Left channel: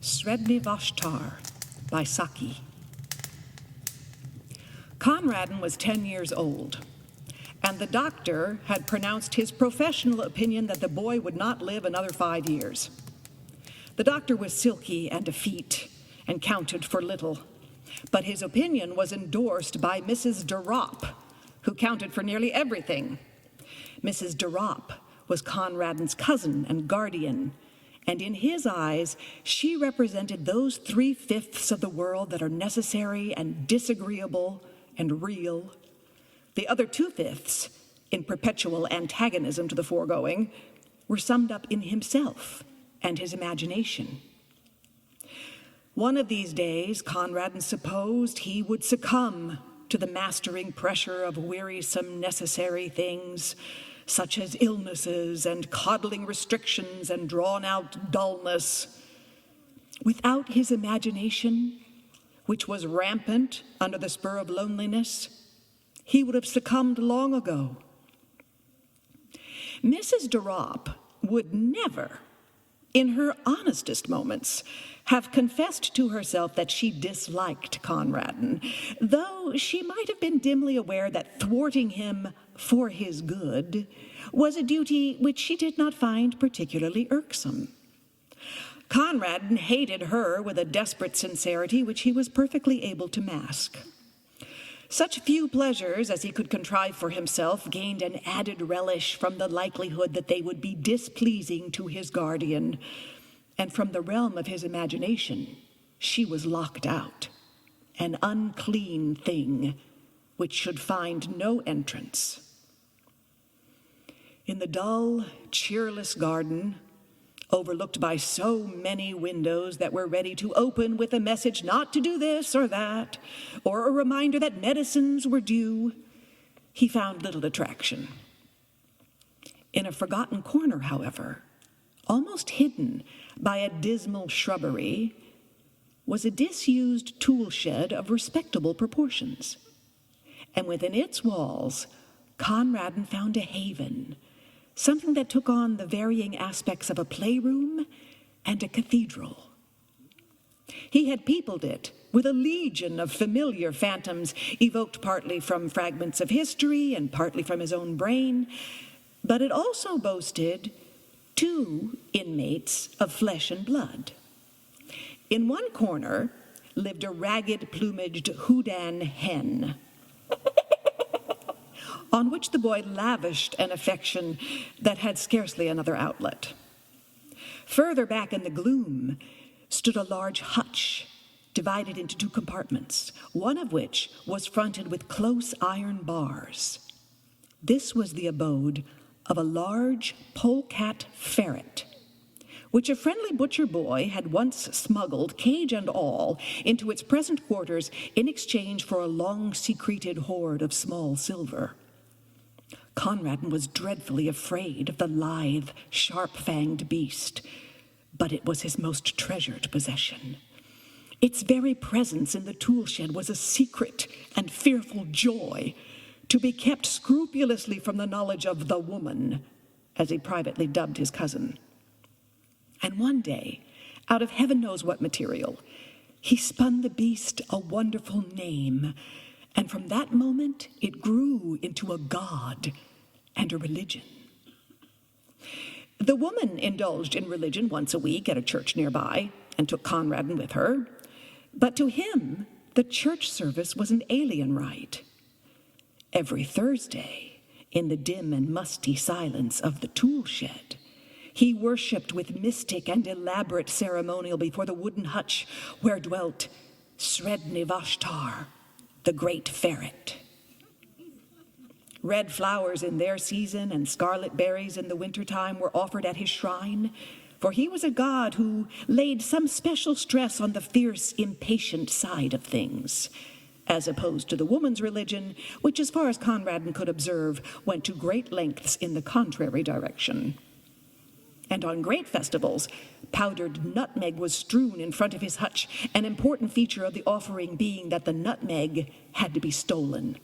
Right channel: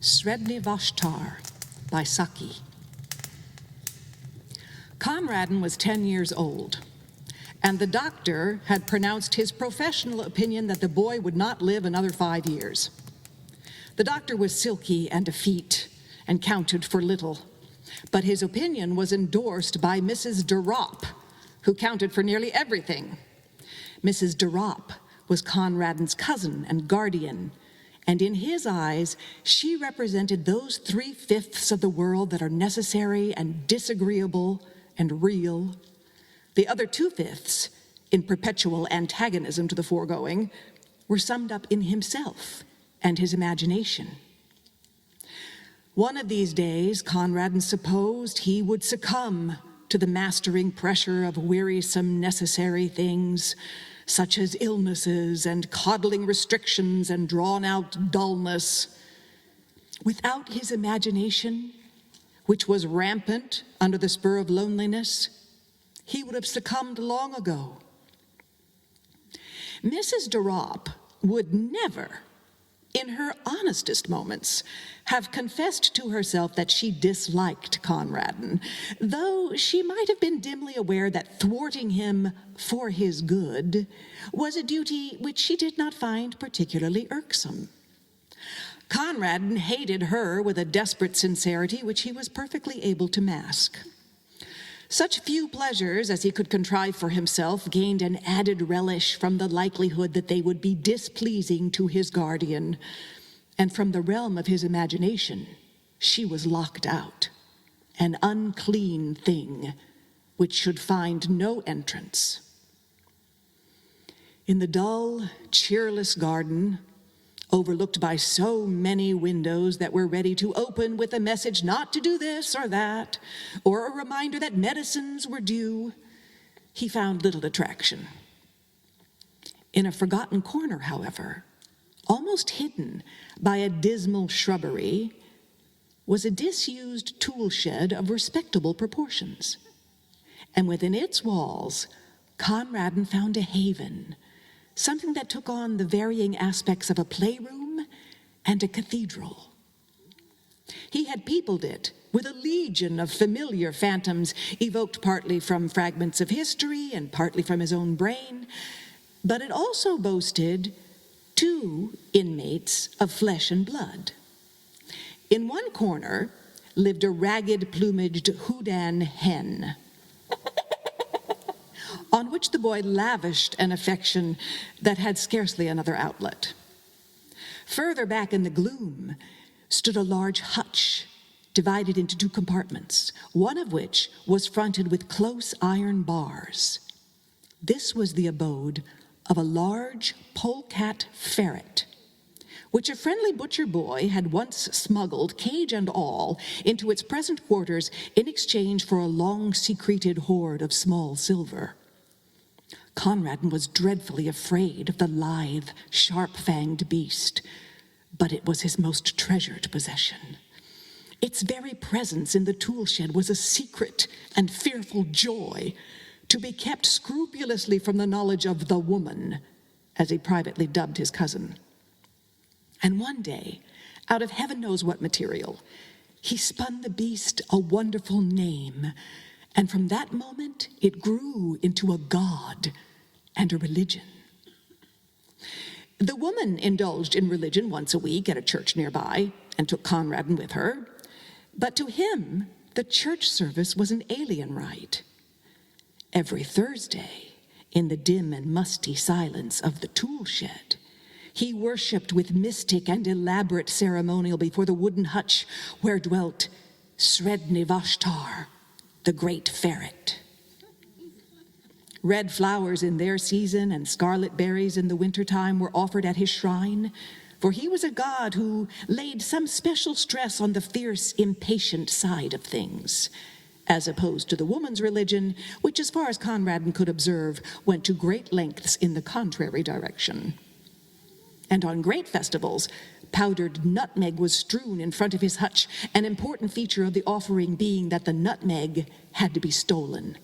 SREDNI VASHTAR by Saki. Conradin was 10 years old, and the doctor had pronounced his professional opinion that the boy would not live another 5 years. The doctor was silky and effete and counted for little, but his opinion was endorsed by Mrs. de Ropp, who counted for nearly everything. Mrs. de Ropp was Conradin's cousin and guardian, and in his eyes, she represented those 3/5 of the world that are necessary and disagreeable and real. The other 2/5, in perpetual antagonism to the foregoing, were summed up in himself and his imagination. One of these days, Conradin supposed he would succumb to the mastering pressure of wearisome necessary things, such as illnesses and coddling restrictions and drawn-out dullness. Without his imagination, which was rampant under the spur of loneliness, he would have succumbed long ago. Mrs. de Ropp would never, in her honestest moments, have confessed to herself that she disliked Conradin, though she might have been dimly aware that thwarting him for his good was a duty which she did not find particularly irksome. Conradin hated her with a desperate sincerity which he was perfectly able to mask. Such few pleasures as he could contrive for himself gained an added relish from the likelihood that they would be displeasing to his guardian, and from the realm of his imagination, she was locked out, an unclean thing which should find no entrance. In the dull, cheerless garden, overlooked by so many windows that were ready to open with a message not to do this or that, or a reminder that medicines were due, he found little attraction. In a forgotten corner, however, almost hidden by a dismal shrubbery, was a disused tool shed of respectable proportions. And within its walls, Conradin found a haven, something that took on the varying aspects of a playroom and a cathedral. He had peopled it with a legion of familiar phantoms, evoked partly from fragments of history and partly from his own brain, but it also boasted 2 inmates of flesh and blood. In one corner lived a ragged-plumaged Houdan hen, on which the boy lavished an affection that had scarcely another outlet. Further back in the gloom stood a large hutch, divided into 2 compartments, one of which was fronted with close iron bars. This was the abode of a large polecat ferret, which a friendly butcher boy had once smuggled, cage and all, into its present quarters in exchange for a long-secreted hoard of small silver. Conradin was dreadfully afraid of the lithe, sharp-fanged beast, but it was his most treasured possession. Its very presence in the tool shed was a secret and fearful joy, to be kept scrupulously from the knowledge of the woman, as he privately dubbed his cousin. And one day, out of heaven knows what material, he spun the beast a wonderful name, and from that moment it grew into a god and a religion. The woman indulged in religion once a week at a church nearby and took Conradin with her, but to him the church service was an alien rite. Every Thursday, in the dim and musty silence of the tool shed, he worshipped with mystic and elaborate ceremonial before the wooden hutch where dwelt SREDNI VASHTAR, the great ferret. Red flowers in their season and scarlet berries in the wintertime were offered at his shrine, for he was a god who laid some special stress on the fierce, impatient side of things, as opposed to the woman's religion, which, as far as Conradin could observe, went to great lengths in the contrary direction. And on great festivals, powdered nutmeg was strewn in front of his hutch, an important feature of the offering being that the nutmeg had to be stolen.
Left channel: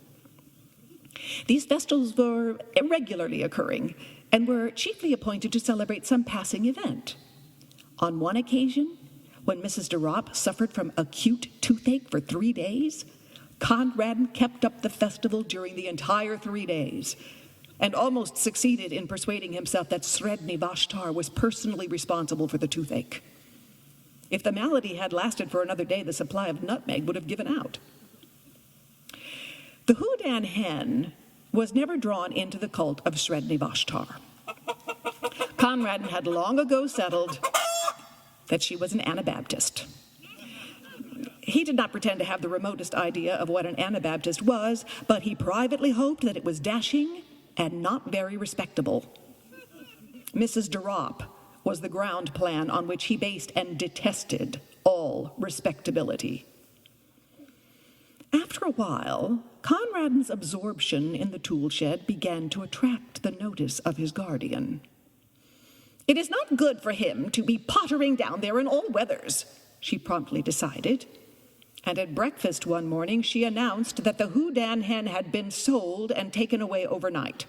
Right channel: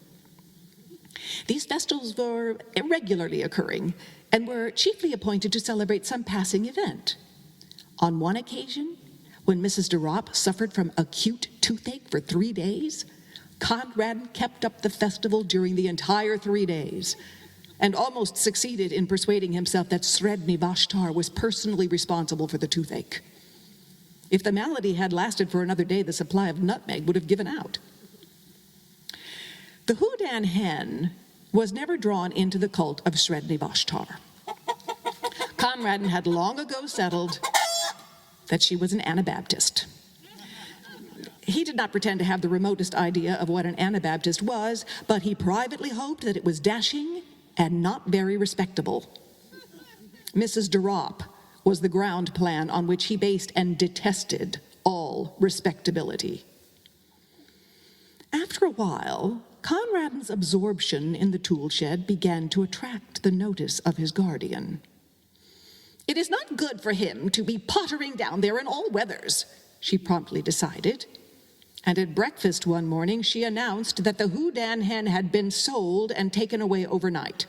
These festivals were irregularly occurring and were chiefly appointed to celebrate some passing event. On one occasion, When Mrs. de Ropp suffered from acute toothache for 3 days, Conradin kept up the festival during the entire 3 days and almost succeeded in persuading himself that SREDNI VASHTAR was personally responsible for the toothache. If the malady had lasted for another day, the supply of nutmeg would have given out. The Houdan hen was never drawn into the cult of SREDNI VASHTAR. Conradin had long ago settled that she was an Anabaptist. He did not pretend to have the remotest idea of what an Anabaptist was, but he privately hoped that it was dashing and not very respectable. Mrs. de Ropp was the ground plan on which he based and detested all respectability. After a while, Conradin's absorption in the tool shed began to attract the notice of his guardian. "It is not good for him to be pottering down there in all weathers," she promptly decided. And at breakfast one morning, she announced that the Houdan hen had been sold and taken away overnight.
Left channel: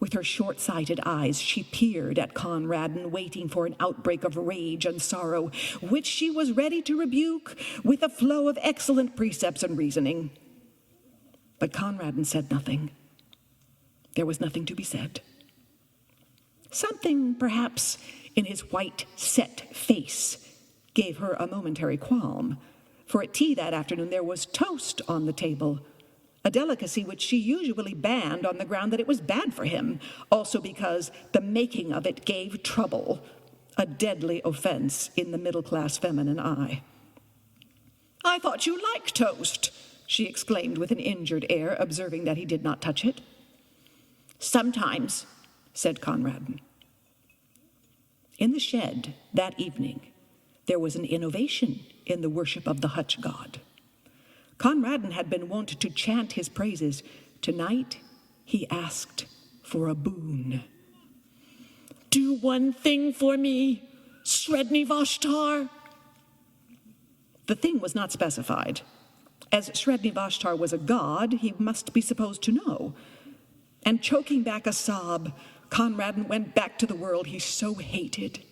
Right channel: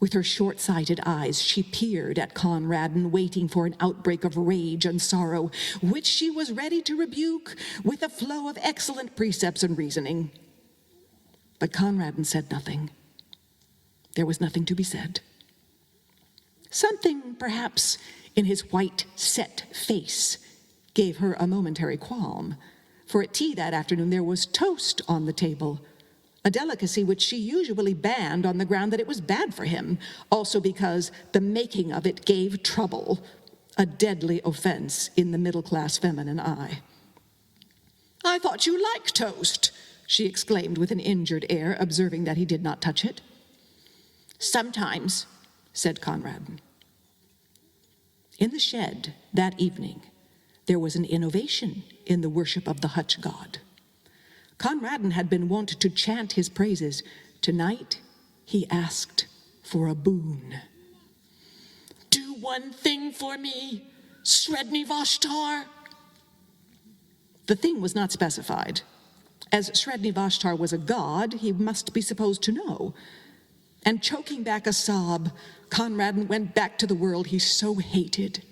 With her short-sighted eyes, she peered at Conradin, waiting for an outbreak of rage and sorrow, which she was ready to rebuke with a flow of excellent precepts and reasoning. But Conradin said nothing. There was nothing to be said. Something, perhaps, in his white, set face gave her a momentary qualm, for at tea that afternoon there was toast on the table, a delicacy which she usually banned on the ground that it was bad for him, also because the making of it gave trouble, a deadly offense in the middle-class feminine eye. "I thought you liked toast," she exclaimed with an injured air, observing that he did not touch it. "Sometimes," said Conradin. In the shed that evening, there was an innovation in the worship of the hutch god. Conradin had been wont to chant his praises. Tonight, he asked for a boon. "Do one thing for me, SREDNI VASHTAR." The thing was not specified. As SREDNI VASHTAR was a god, he must be supposed to know. And choking back a sob, Conradin went back to the world he so hated.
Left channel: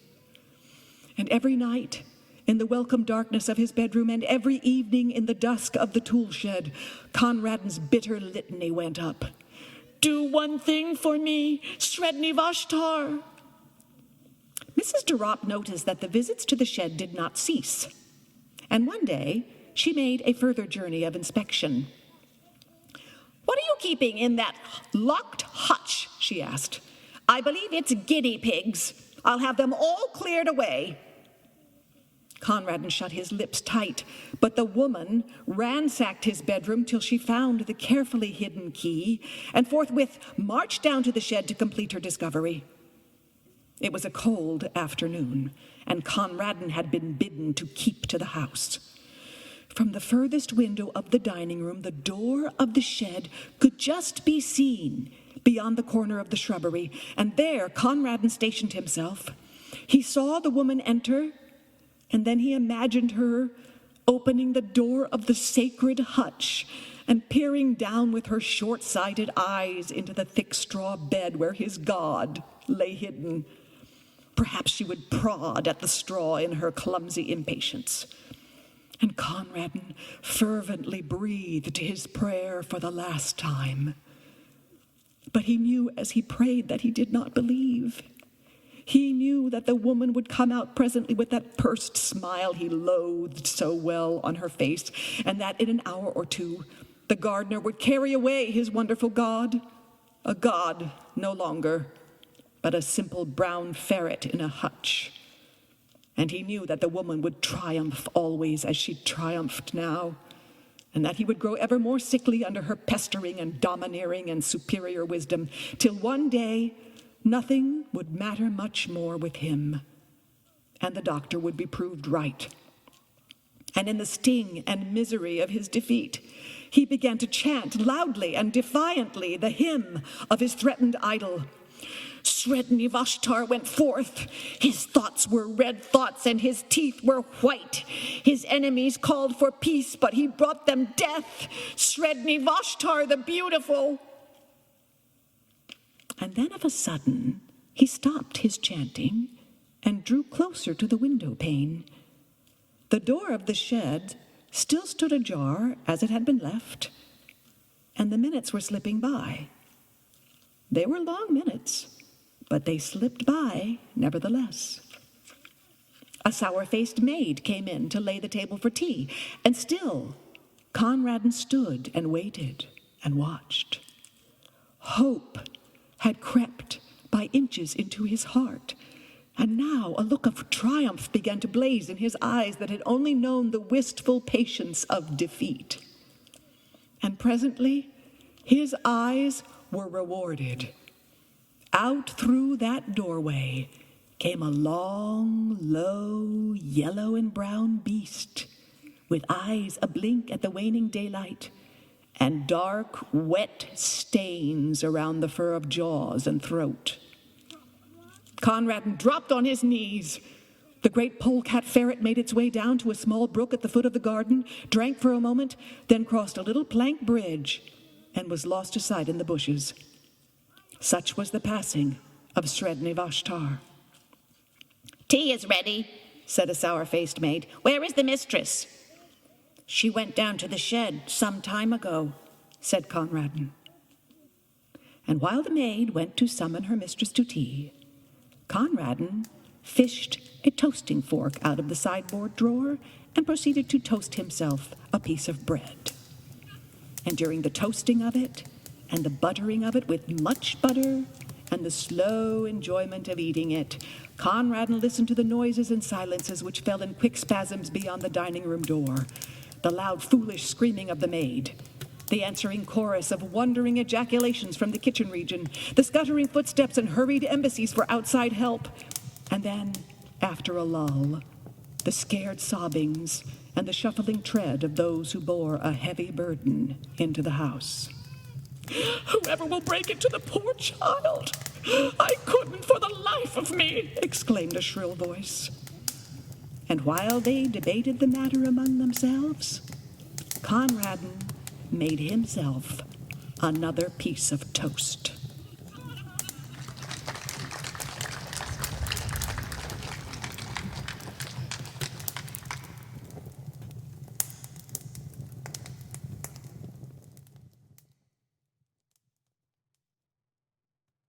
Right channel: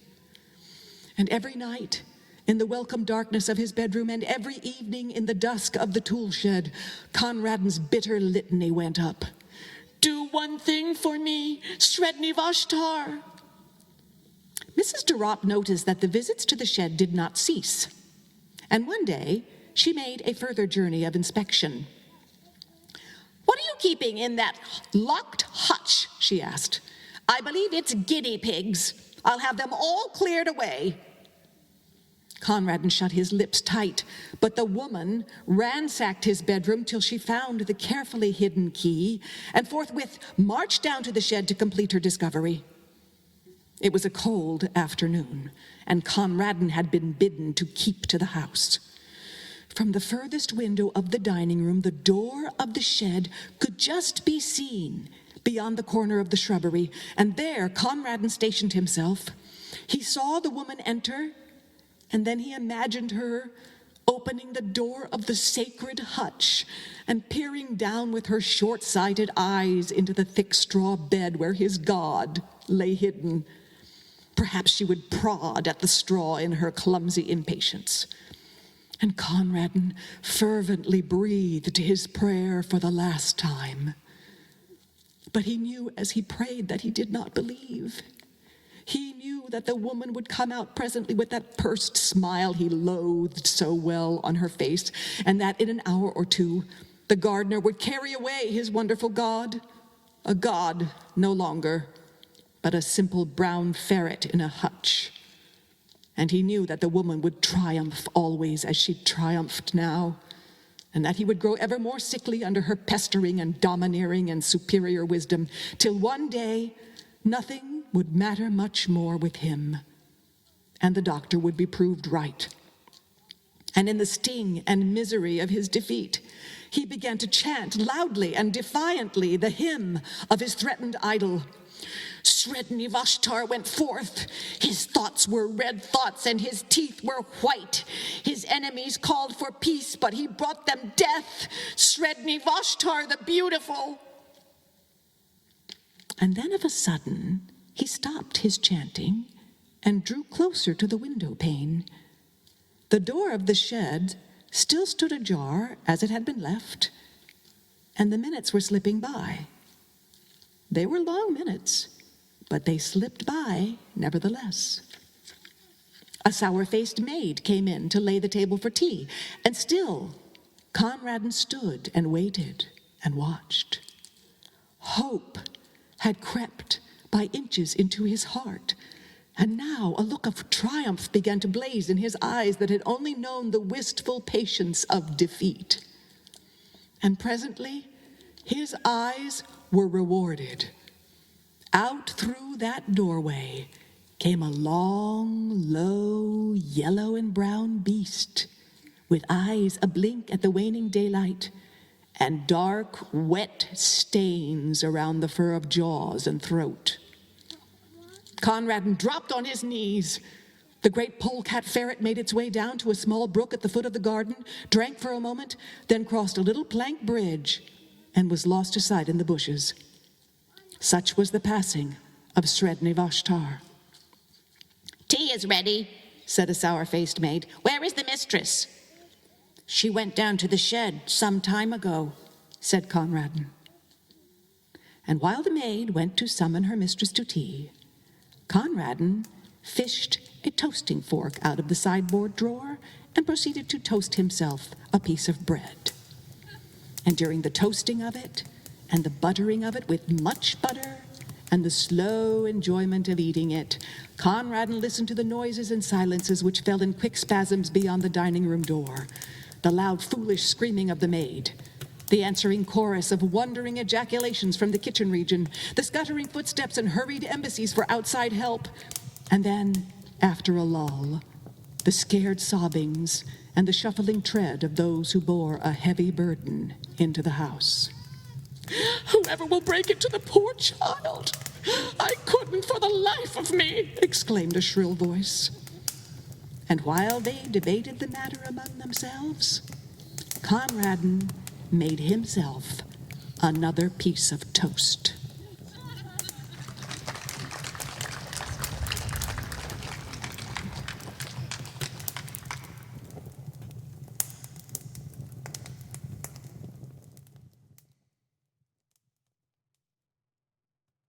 And every night, in the welcome darkness of his bedroom, and every evening in the dusk of the tool shed, Conradin's bitter litany went up. "Do one thing for me, SREDNI VASHTAR." Mrs. de Ropp noticed that the visits to the shed did not cease, and one day she made a further journey of inspection. "What are you keeping in that locked hutch?" she asked. "I believe it's guinea pigs. I'll have them all cleared away." Conradin shut his lips tight, but the woman ransacked his bedroom till she found the carefully hidden key and forthwith marched down to the shed to complete her discovery. It was a cold afternoon, and Conradin had been bidden to keep to the house. From the furthest window of the dining room, the door of the shed could just be seen beyond the corner of the shrubbery, and there Conradin stationed himself. He saw the woman enter, and then he imagined her opening the door of the sacred hutch and peering down with her short-sighted eyes into the thick straw bed where his god lay hidden. Perhaps she would prod at the straw in her clumsy impatience. And Conradin fervently breathed his prayer for the last time. But he knew as he prayed that he did not believe. He knew that the woman would come out presently with that pursed smile he loathed so well on her face, and that in an hour or two, the gardener would carry away his wonderful god, a god no longer, but a simple brown ferret in a hutch. And he knew that the woman would triumph always as she triumphed now, and that he would grow ever more sickly under her pestering and domineering and superior wisdom, till one day nothing would matter much more with him, and the doctor would be proved right. And in the sting and misery of his defeat, he began to chant loudly and defiantly the hymn of his threatened idol. SREDNI VASHTAR went forth. His thoughts were red thoughts, and his teeth were white. His enemies called for peace, but he brought them death. SREDNI VASHTAR the beautiful. And then of a sudden, he stopped his chanting and drew closer to the window pane. The door of the shed still stood ajar as it had been left, and the minutes were slipping by. They were long minutes, but they slipped by nevertheless. A sour-faced maid came in to lay the table for tea, and still Conradin stood and waited and watched. Hope had crept by inches into his heart, and now a look of triumph began to blaze in his eyes that had only known the wistful patience of defeat. And presently, his eyes were rewarded. Out through that doorway came a long, low, yellow and brown beast, with eyes ablink at the waning daylight, and dark, wet stains around the fur of jaws and throat. Conradin dropped on his knees. The great polecat ferret made its way down to a small brook at the foot of the garden, drank for a moment, then crossed a little plank bridge and was lost to sight in the bushes. Such was the passing of SREDNI VASHTAR. "Tea is ready," said a sour-faced maid. "Where is the mistress?" "She went down to the shed some time ago," said Conradin. And while the maid went to summon her mistress to tea, Conradin fished a toasting fork out of the sideboard drawer and proceeded to toast himself a piece of bread. And during the toasting of it, and the buttering of it with much butter, and the slow enjoyment of eating it, Conradin listened to the noises and silences which fell in quick spasms beyond the dining room door, the loud, foolish screaming of the maid, the answering chorus of wondering ejaculations from the kitchen region, the scuttering footsteps and hurried embassies for outside help, and then, after a lull, the scared sobbings and the shuffling tread of those who bore a heavy burden into the house. "Whoever will break into the poor child? I couldn't for the life of me!" exclaimed a shrill voice. And while they debated the matter among themselves, Conradin made himself another piece of toast.